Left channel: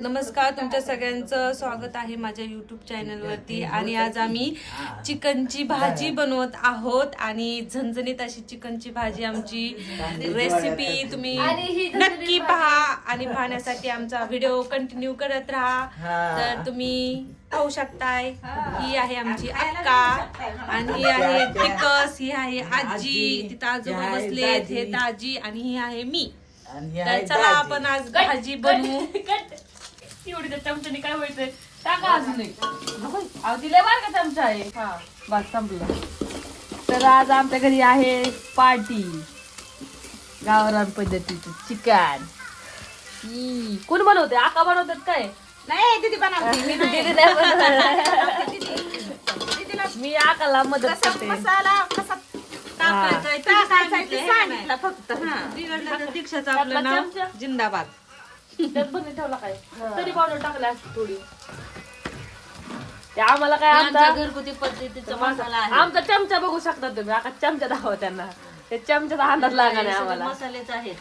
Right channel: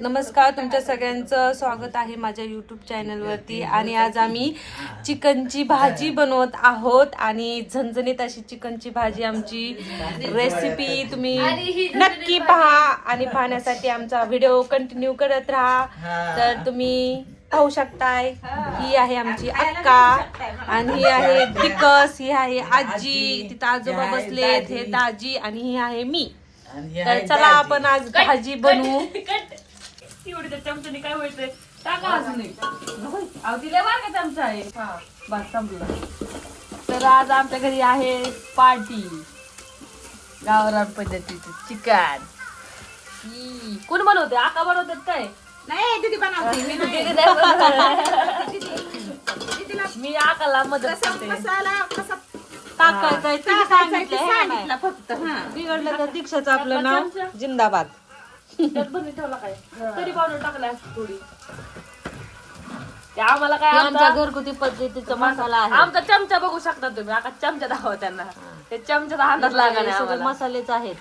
नमस्कार, तुमच्या सगळ्यांचं स्वागत आहे माझ्या यूट्यूब चॅनलवरती. आणि आज आम्ही चिकनची भाजी बनवत आहोत आणि झणझणीत अशी चिकनची भाजी आमची रेसिपी तुम्ही नक्की पहा आणि पाहण्यासाठी आमचा व्हिडिओ कंटिन्यू करत राहा. तर तुम्ही पाहू शकताय, ही आहे आमची अक्का आणि ही आहे तिकस, ही आहे आजी, तिथं आजोबा बसले, हे दाजी आणि ही आहे मी. तर चला आपण आज भाजी बनवू. एवढी त्या चमच्याने काय व्हायचंय टाका अजून अहो तिला बार का चमचा आहे बस संपला. तर आज आमच्या घरी आहे पार्टी गावरान पद्धतीची चिकन. कोण बनवते? आका बनवतात काय? नाही दीदी बनवते मी आकाला मदत करते. मसाला कसा टाकायचं टाकायचं सांगितलं फक्त. बिघडलं तर दीक्षाचं आपलं नाव जिंदाबाद. त्यात बनवून ठेवला काय तरी पावडर टाकला थोडी. ते आम्हाला काय आमच्या घरगुती पद्धतीचा मसाला आहे. आमचा चमचा बघू शकता तुम्ही. आका चमचा दाखवा त्यांना. ते चमच्याचा अंदाज लागला सगळे मसालेच आहेत,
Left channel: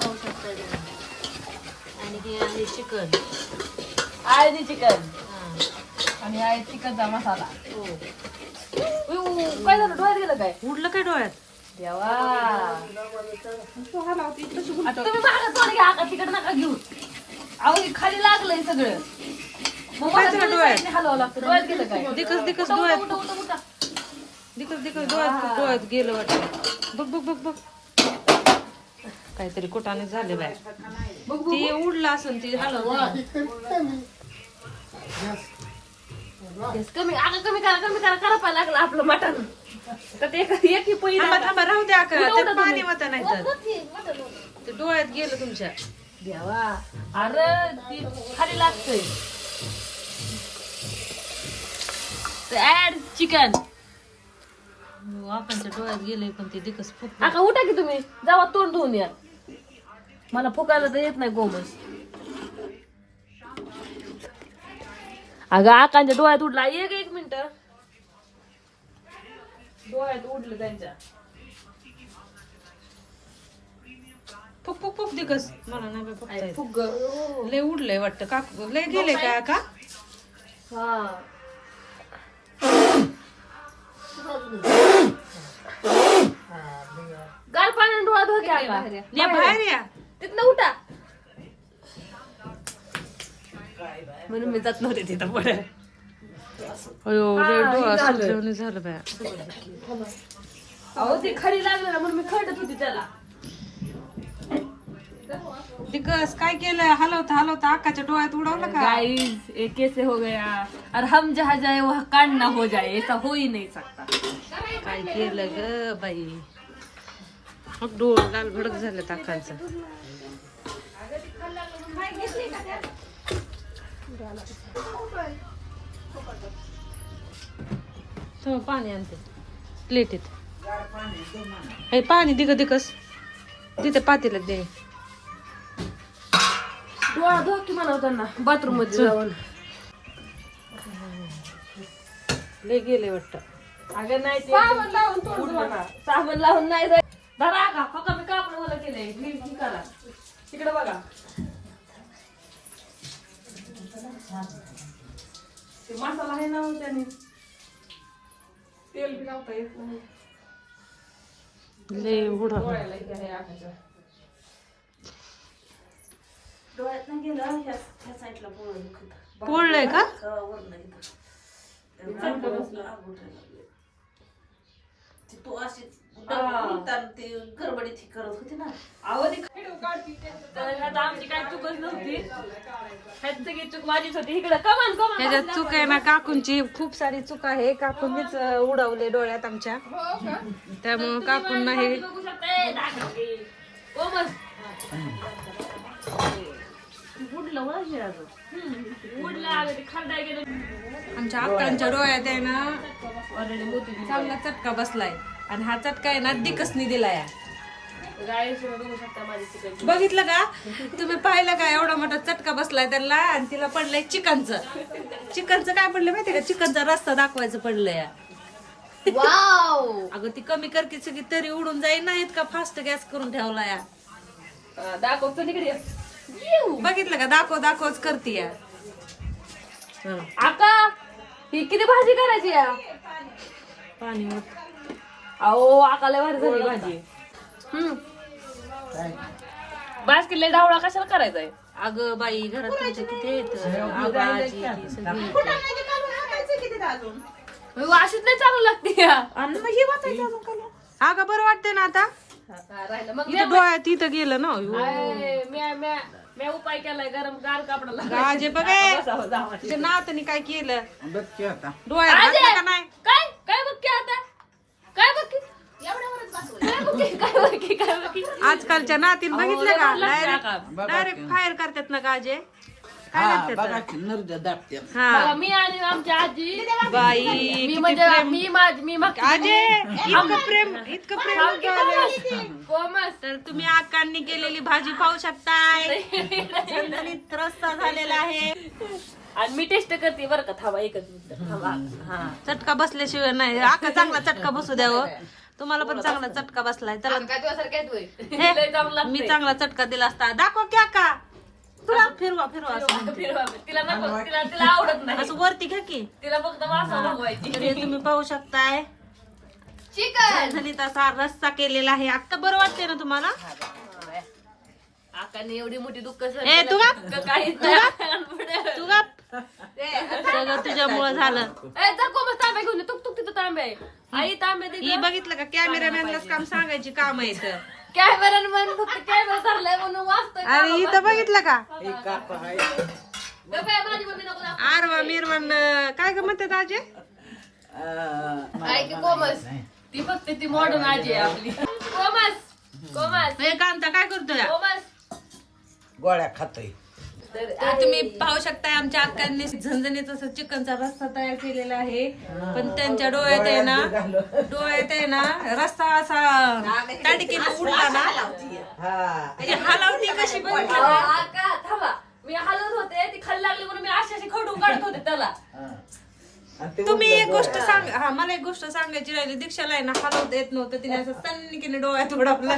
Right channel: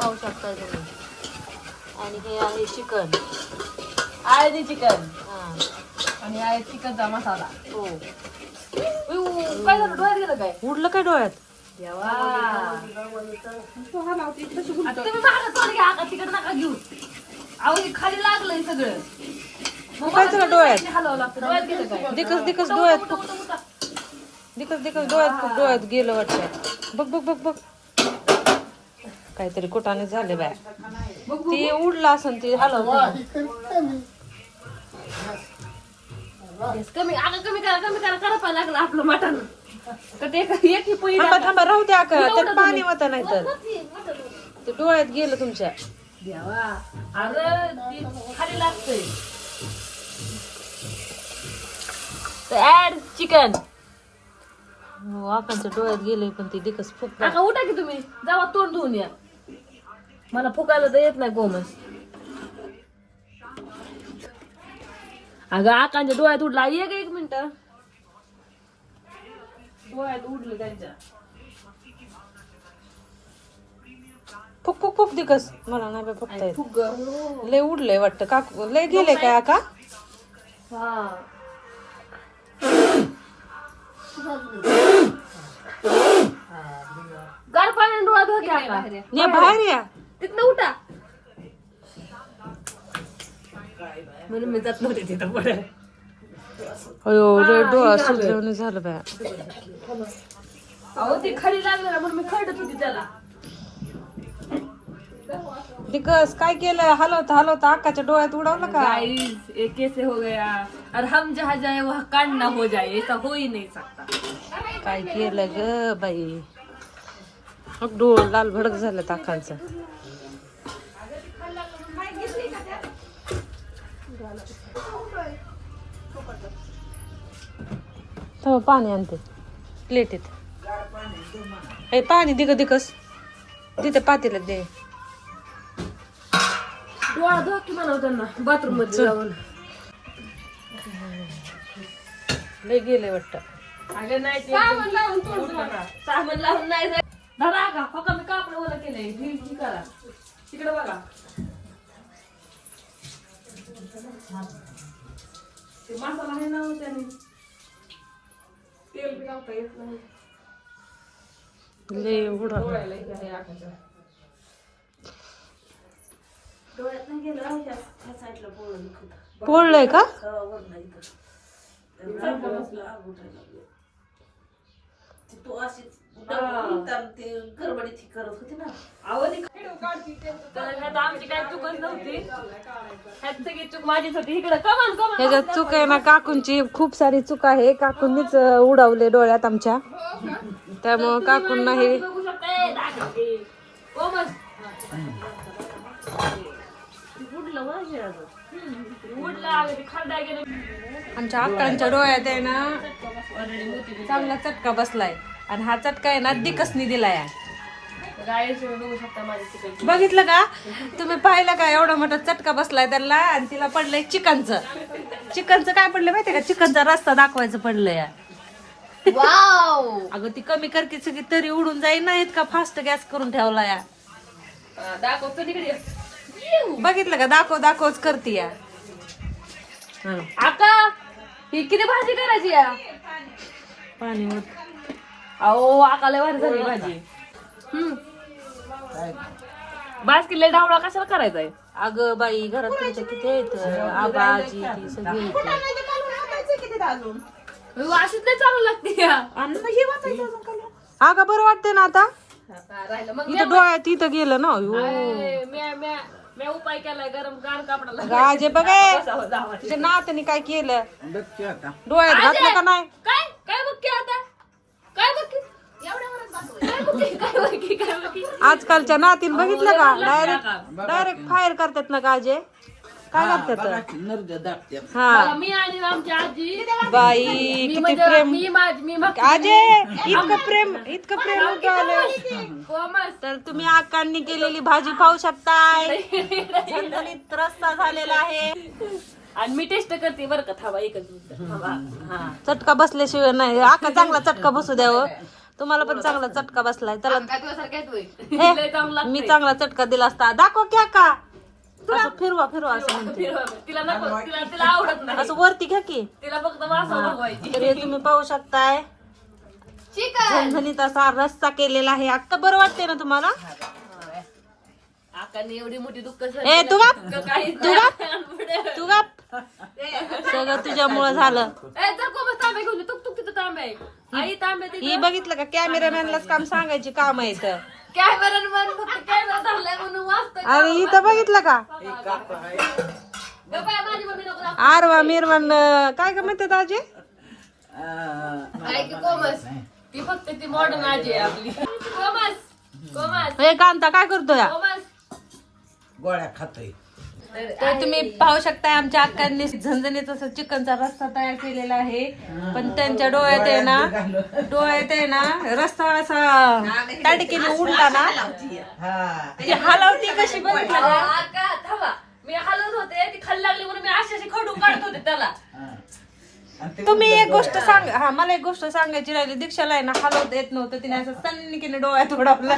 पाहू शकताय तुम्ही. आणि हे आहे चिकन, आळणी चिकन हा. आणि आहे चिकनचा मसाला. हो. काय झालं? डोळ्यात गेलं काय? उडलं काय डोळ्यात? देवा तुम्ही मागं तोंड घ्या. आका तिकडे नका घेऊ. अहो हे खाली लागलंय सगळं. मग काय झालं डोळ्यात? हलवावं लागतं. डोळ्यात गेलं काय? दिकस डोळ्यात फुक, दिकस डोळ्यात गेलं वाटतं. बघ बघ बघ बघ, काहीतरी कुटाने झाले बाय. ती उडला असं ती हलव. कमी आका कमी करा करपायला लागलं आपलं मटण. तर ते एक ही पोळी थांबा राहू द्या का, त्यात पाणी होतं नाही तर ते डोळ्यात गेलं तुमच्या. देवा अरे ती खाली लागतंय. Add chicken. वाकांच्या डोळ्यात गेले पण ते दिकस फुक. आका उठा की तुम्ही जावा तोंड धुवून या. मला फुकायला तर येत नाही गोमन. अगं आकांच्या डोळ्यात उडला. एक मिनिट. डोळ्यात उडलं त्यांच्या. फुक फुक फुक दिकस. मला नाही बाय फुकता येत. फुग लय उडलंय वाटतं. का लय गेले काय का? हा गार पाण्याने डोळा धुवा की बाहेर. या बाहेर या. तिथनं उठा. म्हणून मी जात नव्हते तिथं पुढे. अयो लय डोळा सुटल्याने झालं बाय. अहो ते खडी लागलं ना म्हणून मी खडत होती त्याला. दिकस काय केलं? हलवता अक्काच्या डोळ्यात उडवलं का? गाइस ये कैसे हो गया? और हम जहाँ जाए वहाँ कांड ना हो जाए. ऐसा हो ही नहीं सकता. काय केलं ग बाई? मग डोळ लाल भडक झालं ताकांचं. हो पाणी आणते प्लेटीत. हे पाणी दिकस तिथे पातेल्यात दे. डोळा धुवा की म्हणावं त्यांना बाथरूम मध्ये जाऊन. लय गेले वाटतं. अगं नाही ते सामान लावून नाही जाय. धरा का फक्त मी कापड ओलं केलंय. ही करा तिकडे बघा. ते मसाला आहे ना त्याने तेल बी लावता येत नाही. लय उडा डोळ्याला इथे आहे आकाच्या. डोळ्यात नाही गेलं ह्या साईडला पोळलं. पोळलंय का? तू अशी ते गडबडीत ही करत होती ना. तर आमची काय चुकच नव्हती. ह्यात सगळी चूक माझीच होती. इकडे कमान ह्याच्यात चूक आहे ना काकूंची. खूप सारी चूक आहे. काकूंनीच उडवले डोळ्यात आमच्या. त्यामुळं काकूंना हे आमच्या अक्कांच्या डोळ्यात आहे ना चांगला चटका बसलाय. आणि हा चटका आहे ना दिकसनी दिलाय. बघितलं का तुम्ही? पाहिलं का एवढा मोठा चटका बसलाय त्याला? आणि तिला पडलंय चिकनचं काय पडलं माहितीये का? चिकनचा रस्ता दाखवायचं पडलंय. वाव अगं ती कमी करते सगळी तरी उडून जाईल ना. इतका फास्ट गॅस करून ठेवला या. दाखव तिकडे बघितलं का दाखवच करते या. आका ही किती भाजी करायची या पाणी होत. अहो आकाला भारी झाली भाजी. बास्केटला डावळा कशाला करायचा आहे? अगं बाई घरात तुमच्या किती आहेत आबा आजी ती सगळी येतं. अशीच नाही चालू लागते या. अगं बरं वाटतंय ना आता. राहिलं मग इथं डोळ्यात इथं गेलं ना. मी उपाय केलाय गरम गार कापडाला. गाजे बघे तिच्या नाताने काय केलं डोळ्यात घातलं का नाही. काय काय बघ आता काय बघ काय बघ आजकालच्या नातीन बघितलं का डायरेक्ट फायर करतात ना गाजे. काय करतात हा मी आणि आमची आजी बाई मी किती म्हणजे प्रेम. मी आजे इतकं प्रेम होतं आलं. कोमल तर तुम्ही आकांनी केलेली भाजी पाहू शकताय. झणझणीत रस्सा झालेला आहे. आणि मी टेस्ट करते बरं का. थांबा एकच मिनिट थांबा. हा चटका बसल्याशिवाय नाही. आका चांगला चटका बसू द्यावं. तुम्हाला पण चांगला चटका बसलाय. त्याला हे, मी चांगला चटका दिला असता. दाखव की आका असं फिरवा असं म्हणते. तिला नको तिला आवडत नाही. असं वरती घ्या की. तिला फक्त मासा बनवायची. तर हे तुम्ही पाहू शकताय चिकन झणझणीत असा रस्सा केलेला आहे. आता बरं वाटतंय ना तुम्हाला. आकाने एवढी मोठी दुःख ए तू गप काही तू गप सगळं तुझ्यामुळं झालं. तांबे घेऊन ये. तुक तिथं तांबे आहे. आई तांबे दे. ही बघितलं का कॅमेरामॅनलाच काम सांगायची काम आहे इथं. कॅमेरामॅन फक्त कॅमेरा धरलाय म्हणून वाचतोय. आणि इथं बघितलं का माझी मम्मी नको आरवा मिरवण काय ग म्हणतात आजी. ऐक कोमस ती फक्त ती मॉडर्न आजी आहे आपली. कोमस हे कांता काय करतोय. गोळ्या खातोय. तर तुम्ही पाहू शकताय आमच्या अक्कांनी झणझणीत असं चिकनचा रस्सा तयार केलेला आहे. पण त्यांच्या डोळ्यात आहे ना रस्सा असा ताटकीने उडला ना. ती हलवती कशी बघितलं का. थांबा मी हलवत होते ती खाली लागली म्हणून मी अशी खडून काढत होते त्याला. तुम्ही एक गोष्ट सांग. हा मला एक गोष्ट सांगायची राहिली. दीक्षाला आहे ना हलवता येत नव्हतं. तिने असं सन्निकीने डोळ्यात उडवलं.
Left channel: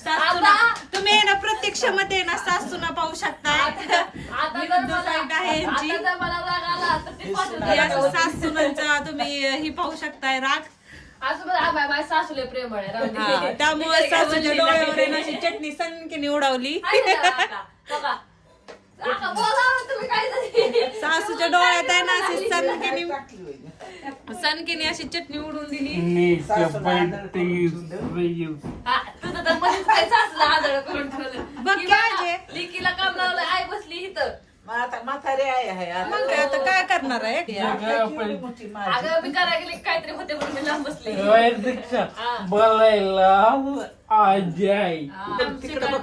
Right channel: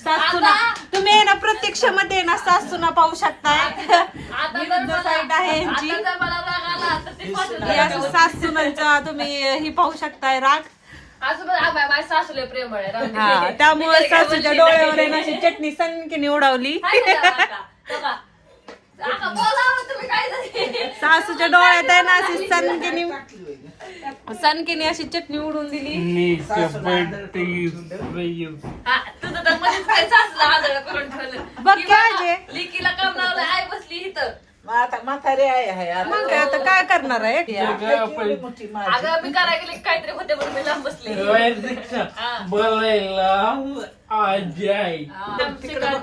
सासूना तुम्ही आहे ना प्रत्येक क्षमते आहे ना सासूना पाहू शकताय. साईट आहे यांची. ही असं सासूनांचा तुम्ही ही पाहू शकताय राग. माझ्या सासूले प्रेम आहे. त्यामुळे सासूच्या डोळ्यावर आहे ना अशी चटणी सन्निकीने उडवली. सासूच्या डोळ्यात आहे ना अशी सनकीने अशी चटणी उडून दिली. तुझं तर मध्येच काय सासूला आदळ करून बघ ठेवलं. काय लिकीला काम लावलं आई बसली इथं. आता म्हातारी आहे मग काय आता काय करणार आहे. अगं मी करायला गेले काहीतरी होते म्हणून मी लांब बसले.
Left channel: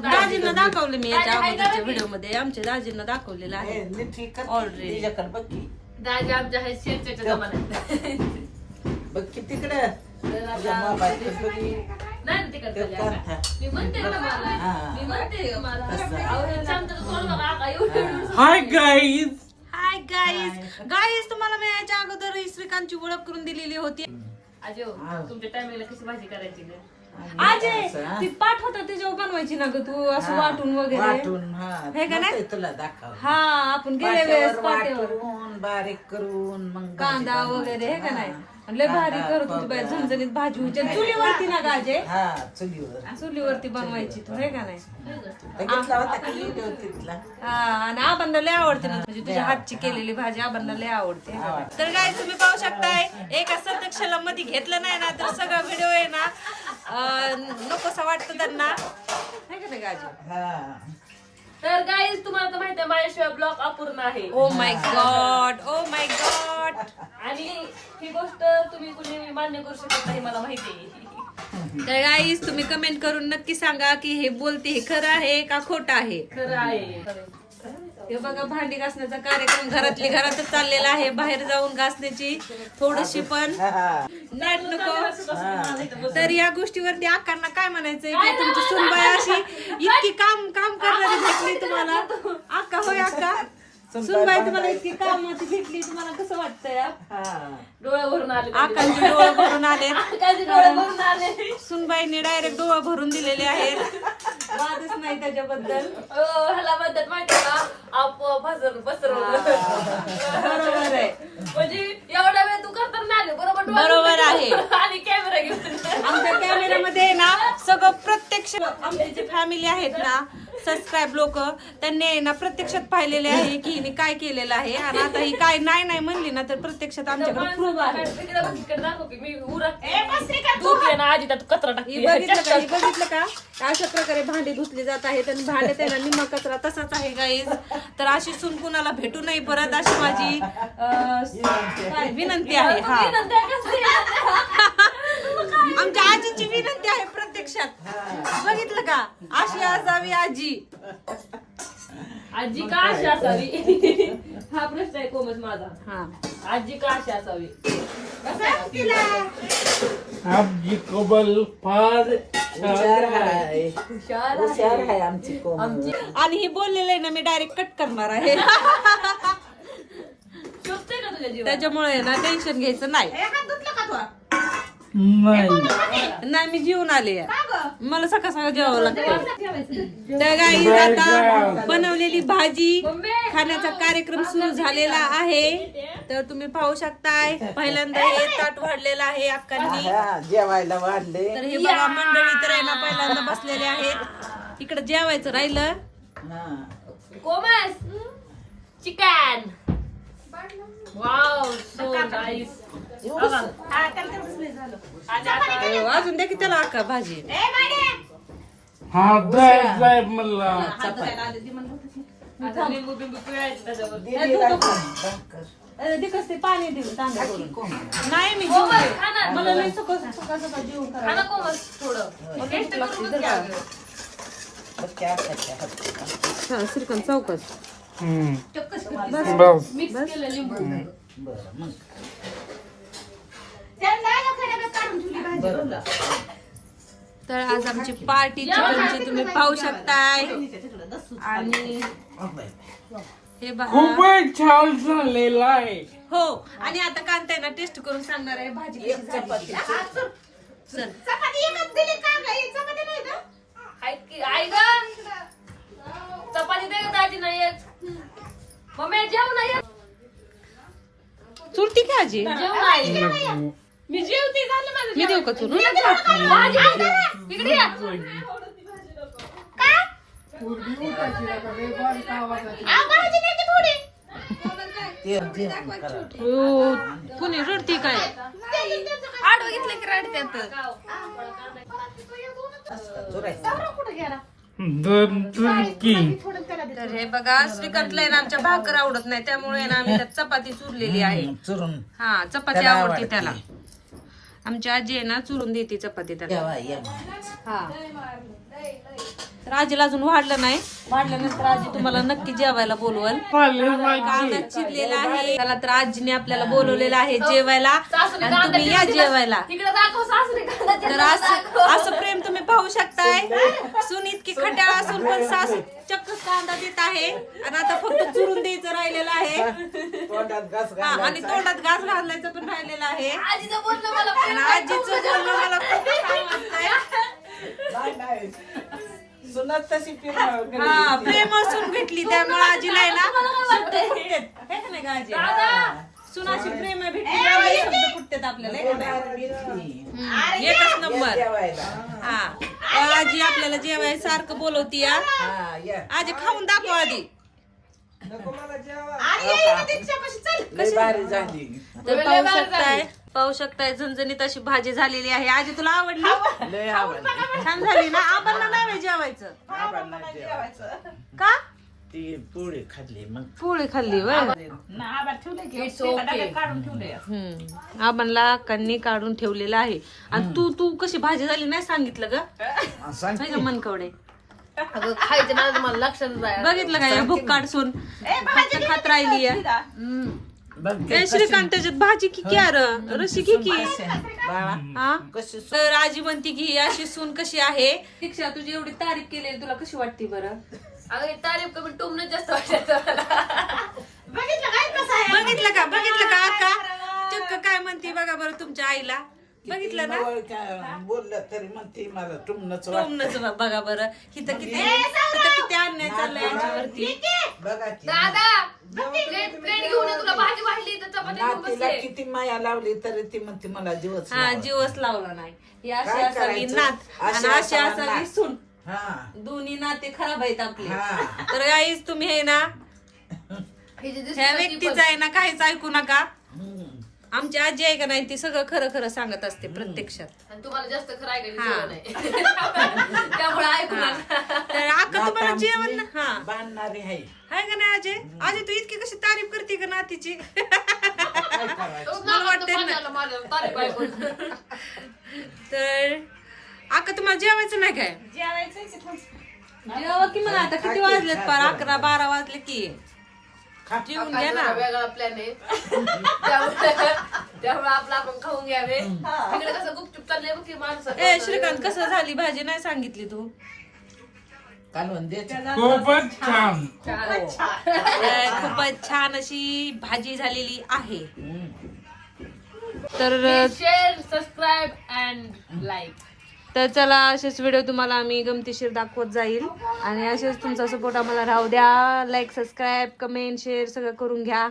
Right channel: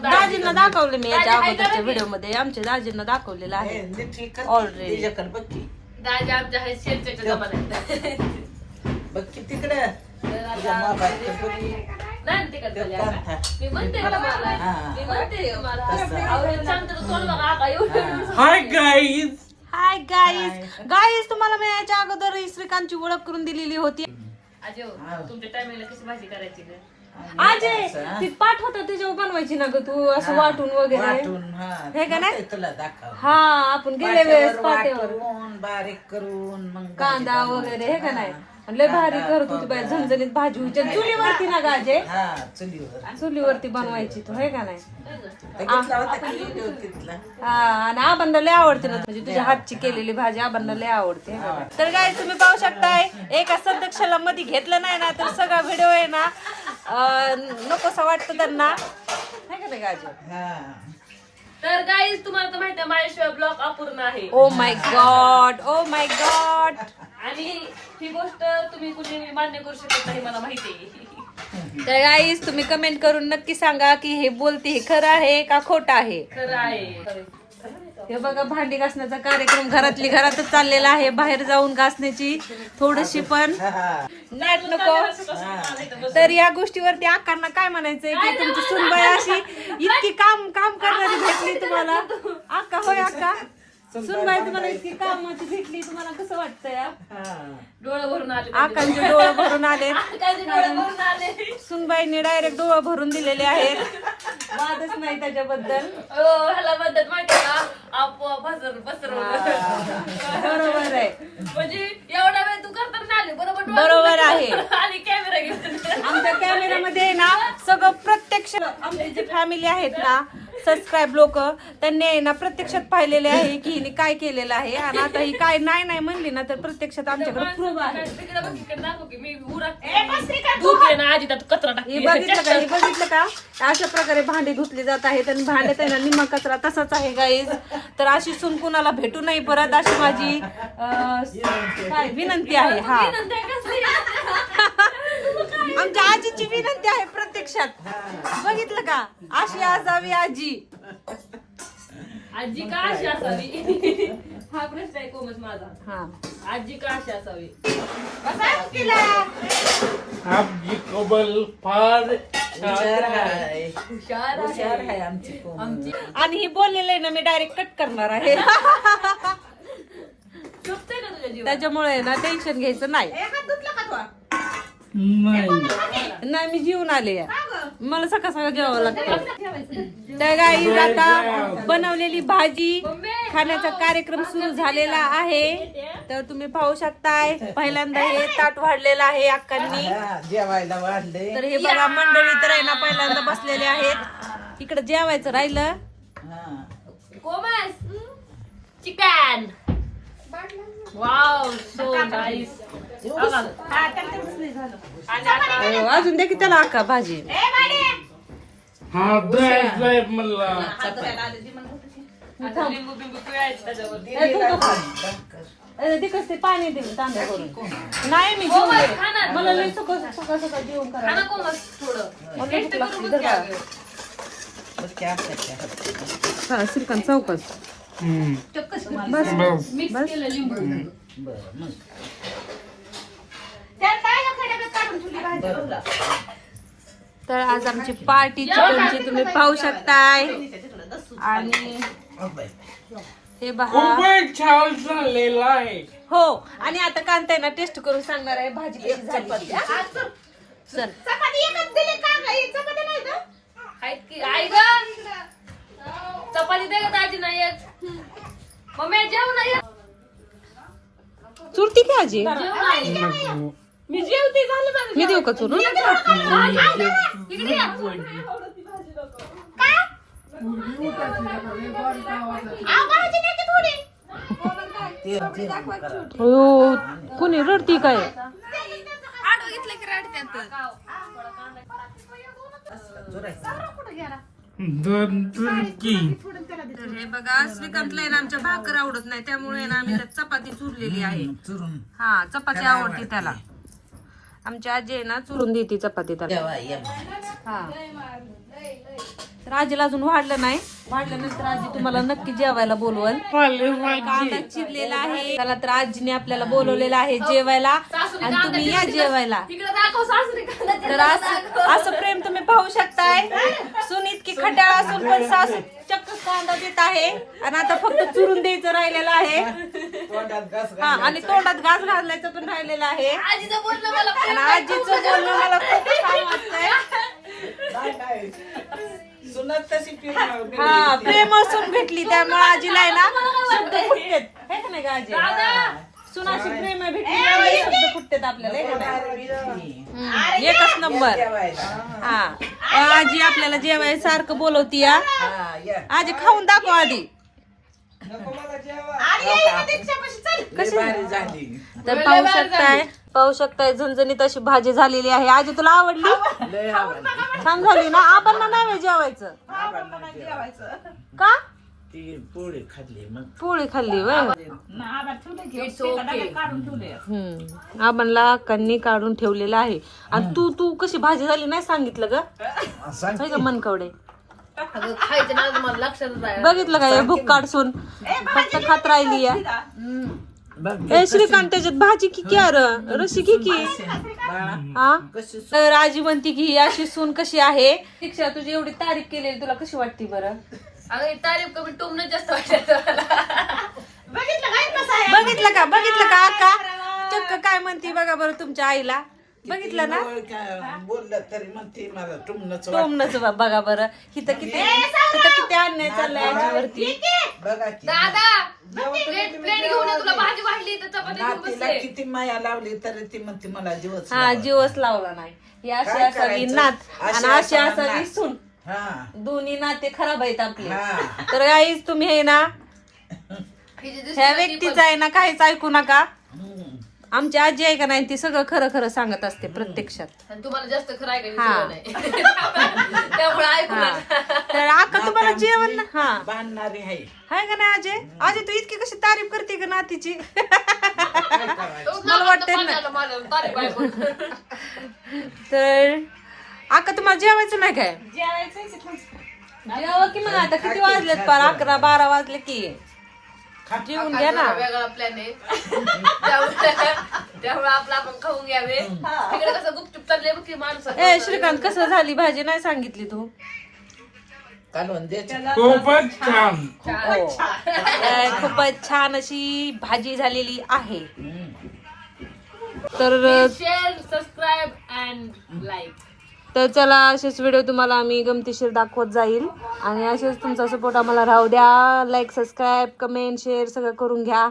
दाजींना दाखवलं मी याच्या अगोदरच्या व्हिडिओ मध्ये. आमच्या दाजींना दाखवलेलं आहे ऑलरेडी. दाजी आमच्या आहे शेरच्या जमान्यात. बघ की तिकडे नाही तिकडे मी म्हणते तुम्हाला. मी म्हणते तुम्हाला. अहो, सांगतो तर कोण बघा आका एवढं. हाय गाईज तुम्हाला मी याच्या अगोदर श्रीकांतची ओळख करून दिलेली होती. अजय तुमच्या टायमिंगला कशी भाजी करायची ना. अजय ती पाठ होता त्याच्यावर बनवायची ना ग तू असं वाटून वगैरे. हे का नाही तुला दाखव. हा आपण गेल्या वेळेस पाट्यावर बारीक करून मग कांदा वगैरे हे का नाही. लय भारी करत होती बाई. झणझणीत भाजी व्हायची चुलीवरती ना गाजे. हा चुलीवर चुलीवरती बनवायची तू हे का नाही. बघितला होता का व्हिडिओ तिथला? हा आणि आबांना लय आवडते ना म्हणजे तुझ्या हातची केलेली भाजी आबांना लय आवडते हे का नाही. तर काय तुम्ही पाहू शकताय एका सदक्षाला मध्ये घेतलं नाही ना तर सगळा व्हिडिओ आहे ना नकोसा वाटतं त्यांना हे का नाही गाजे. हा तर गाईज तुम्हाला तर माहिती आहे माझ्याशिवाय ब्लॉग अपूर्ण आहे. ओ माय गॉड आणि ही गोष्ट तुम्ही कुठे मान्य करू शकत नाही मला माहिती आहे. तर गाईस तुम्ही कमेंट करून नक्की सांगा की हे बोलते हे खरं आहे का खोटं आहे. खरं आहे. हे बघा भांडी घासण्याचा कार्यक्रम घरातली घरातच चाललेला आहे. बाहेर जाऊन घासण्याची थोडीशी पण नाट नको. तर या गोष्टीवरती आकांना काय म्हणायचंय की तुमची सुनबाई अशी इतकी काम करणारी भेटली तुम्हाला. आका होय आका सुनबाई तुम्हाला इतकी कामाची भेटली, तुम्हाला कसं वाटतंय? हा. डोळे भरून आले आकांचे डोळे भरून आले. आकांचे डोळे भरून आले. सुनबाईने डायरेक्ट डोळे भरून दिलेले आहेत. वादच नाही त्याच्याबद्दल. ह्याला म्हणतात माहिती ना, आप पसरवलं. बरोबर आहे. म्हणजे एवढा वेळ तू करता ना आले बरोबर. बरोबर आहे. आणि कॅमेरा घेतला. आमच्या कॅमेऱ्यामध्ये आहे ना सगळं प्रत्यक्ष आमची जी फॅमिली आहेत ना, सबस्क्राईब लोक, त्यांनी आहे ना प्रत्यक्षात पाहिलेले आहे की हिने काय केलेलं आहे. आणि आता ही काय नाही नाही म्हणली ना, तर प्रत्यक्षात आमच्याकडे प्रूफ आहे. आधी त्यात कचरा हे बघितलं का? हे बघितलं का? अशा प्रकारे भांडी धुतली जात आहेत आणि भांड्यात आहे ना निम्मा कचरा तसाच आहे गाईज. तर अशी सून कुणाला भेटू नाही परत, अशी माझी काय विनंती आहे. हा, आमच्या आजीची विनंती आहे प्रत्यक्षात. बघितलं का? अशी असावी आजी. आजी का अशी असावी? हा प्रश्न आहे कोमत माझा. हा, आजी का अशी असावी? आमची कोमल फार हुशार आहे. हुशार हुशार आहे आमची कोमल. आणि ही बोललेलं आहे ना, मी डायरेक्ट कट करणार आहे. चुकते का तुझ्या जीवन? त्याच्यामुळे ना टेन्शन घ्यायचं नाही. नाही. नाही, मी जेवून आले. मला सकाळ सकाळ जेवावं लागतं. तर गाईज आता बनवलेली भाजी खाण्याचा कार्यक्रम सुरू झालेला आहे. तर तुम्ही पाहू शकताय, पहिल्यांदा हे ताट वाढलेलं आहे अक्कांनी. हा, जेवायला वाढले. तर हे बघा मंडळी तर आहे ना पहिल्यांदा बसलेले आहेत. इकडे जेवायचं राहिलं. हा. Comus chicken. Wow, so nice. अजून दे की त्याला अक्का भाजी. हा द्यायचंय मला. आता लिंबू बिंबू पिळायचं त्याच्यावर. ते कसं ते पाणी दिलं तांब्या करून. नाही मी जेवले. मला लई सकाळ सकाळ सकाळ जेवण खा करायला ना कोमस थोडं. मला लई भूक लागते. जर का बस की आता. श्रीकांत चौकस बस. मिक्स केलं लिंबू. बरं मग. तर आज आमची पार्टी चिकनची तुम्ही पाहू शकताय. आणि हे बघा. खूपच छान झालेला आहे. हो, आणि आता कांताय ना टेस्ट करून सांगणार आहे भाजी कशी झाली. चल. आहेत की आई ग चपाती दे का दाजी नाही येत. मम्मी जेव नाही येत. चुरती की आजी? जेव नाही. मी जेवते झाले माझं. मी देऊ का चुरून? भाजी इकडे या. ते करा. हो, कोणी रडती काय? आडवं घेतलं की रडत्यात. दोन तुर्की. तर हे बघा, श्रीकांतला आहे ना आमच्या भाकर आवडत नाही, त्यामुळे ना आम्ही त्यात चपाती चुरलेली आहे. चुरून हा, चपाती त्याला आवडते आवडते. त्याला. आमची आजी आहे ना चुरून देते चपाती त्याला. जेवा ये. हा, तर आजीला अजून वाढलं नाही. वाढल्यानंतर आजी तुम्हाला नक्की जेवायला बोलवल. कांदा चिरलेला आहे त्याला. तर आजीने आपल्याला बोलवलेलं आहे जेवायला, आणि तुम्ही या जेवायला. तिकडे दाखव सासूने कांदा तर असं प्रेम तुम्ही पाहू शकताय. सून इतकी खट्याळ असून पण सासू चक्क कांदा देत आहे. आणि आता फक्त चुरून द्यायचं राहिलेलं आहे. तोंडात घास हा, आणि तोंडात घास घालायचं पण राहिलेलं आहे. आजीचं बोलणं मला आणि प्रेम आजीचं बोलणं मला खूप छान वाटतंय. घाल. सुनत तशी फिरणार. हा, प्रेम असून भेटली त्यामुळे आजीला आहे ना शब्द फुटतेत. है का नाही का आजी? सुनाशी प्रेम भेटली त्यामुळे शब्द फुटतेत आपल्याला, है का नाही? एकच नंबर. जेवायला. हा, आजी आपल्याला जेवायला सारखं बोलवती या. हा या. आजी खाऊन दाखव आधी. लय भारी झाली. तर पाहू शकताय झणझणीत अशी भाजी झालेली आहे. आजी तुला आवडली? लय आवडली. छान झाली ना? आपण नाही जेवायचं आपण नाही जेवायचं. का? ती पोळी खाल्ली मग. पोळी खाल्ली वय. It's okay. आबांना कन्नी काढून ठेवलेलं आहे. आणि तू कशी भाजी झाली नाही सांगितलं ग? काय ग मनकवडे? अगं खायचं ना मला लक्षातच आहे. बघितलं काय भूक काढसून फक्त खात राहिली आहे. ए श्रीकांत त्याच्यात भाजी की क्या रशी की हा. तर आजी म्हणती की ही अशी सून कशी आहे. दीक्षा तुझी एवढी तारीफ केलेली तुला कशी वाटते बरं? अगं ही तारीफ कमी टोमणं जास्त वाटत मला. बघा बरं तुमच्या आईला बघितलं ना बोललं तरी म्हणते मला टुमनच तुमनंच बघा बरं इथं किती अन्याय चाललाय आजीवरती बघा की दादा प्लेट घेऊन ये, तुला भाजी वाढली तर चपाती घेऊन नातीला बसले. किती माया लावली तरी ती म्हणते मला जीवच हा जीवच लावला नाही ही अशी काय असावी करायचं? नात आणि अशी अशी असावी असावी नात. सून हा दोन्ही नाते खराब आहेत आपले हा. तर गाईज तुम्ही हे ना ही जी दिसते ह्या ना ती व्यक्तीचं आहे ना काहीच ऐकू नका हम्म. आमची आजी आहे का नाही ती सगळं खरं खरं सांगत असते प्रत्यक्षात पण- आणि तुम्हाला जास्त खरं ऐकायची हा. सवय नाही त्यामुळे ऐकू नका. तर आका तुम्हाला जेवण ना हा बांधणारी आहे हाय का नाही अजय अजय तू इतकी कशी तारीफ करते का नातीची काय करायचं तोच मला नाकात वाटतंय पाणी ना. आलं माझ्या तारीफ ऐकून. तर आका तुम्हाला जेवायचं नाही काय जेवा की मग आता किती वाजलेत पार 11-12 वाजले की जेवून घ्या ना वेगळा प्लॅन आहे त्यामुळे आपलं आपण खाऊन घ्यावे तिकडे कसं गुपचूप चालले बघ की माणसं ए श्रीकांत कसं झाली भाजी नाही सांगितली तू कालवण द्यायचं खूपच छान खूपच छान अशी भाजी झालेली आहे हम्म. तर शेअर सबस्क्राईब अँड लाईक. तर चला असेच व्हिडिओ तुम्हाला आम्ही गमतीशीर दाखवत जाईल आणि असेच तुमचा सपोर्ट आम्हाला राहू द्या लाईक सबस्क्राईब कमेंट शेअर सगळं करून घ्या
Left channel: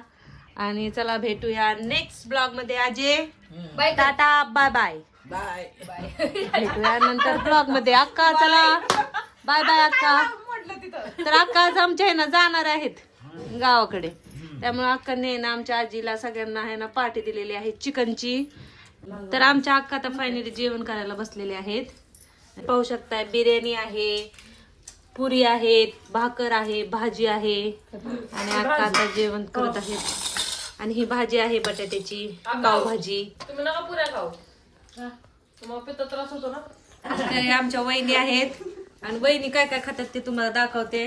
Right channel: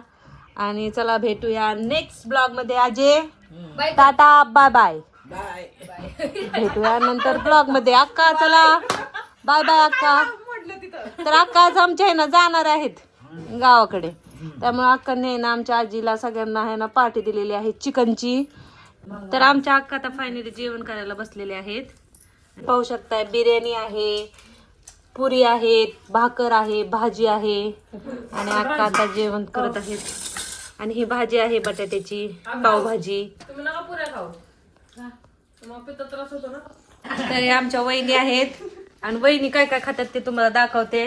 आणि चला भेटूया नेक्स्ट ब्लॉग मध्ये Ajay bye. Tata bye bye bye भेटूया नंतर ब्लॉग मध्ये अक्का चला बाय बाय अक्का तर अक्का आज आमच्या आहे ना जाणार आहेत गावाकडे त्यामुळे अक्काने ना आमच्या आजीला सगळ्यांना आहे ना पार्टी दिलेली आहे चिकनची तर आमच्या अक्का तर फायनली जेवण करायला बसलेले आहेत पाहू शकताय बिर्याणी आहे पुरी आहेत भाकर आहे भाजी आहे आणि अक्का आता जेवण करत आहेत आणि ही भाजी आहे बटाट्याची पावभाजी तुम्ही नका पुऱ्या खाऊ तुम्हाला पित्त त्रास होतो ना. तर हे आमच्या वहिनी आहेत आणि वहिनी काय काय खातात ते तुम्हाला दाखवते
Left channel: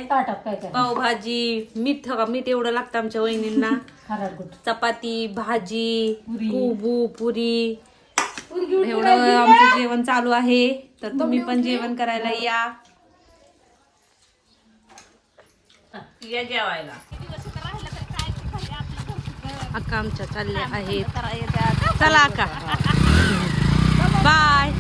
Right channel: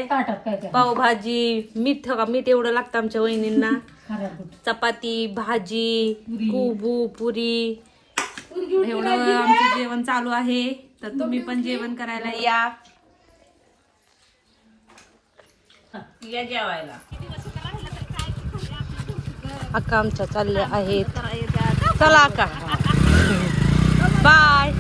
पावभाजी मीठ एवढं लागतं आमच्या वहिनींना चपाती भाजी कुबू पुरी एवढं आमचं जेवण चालू आहे तर तुम्ही पण जेवण करायला या जेवायला अक्का आमच्या चालल्या आहेत चला अक्का बाय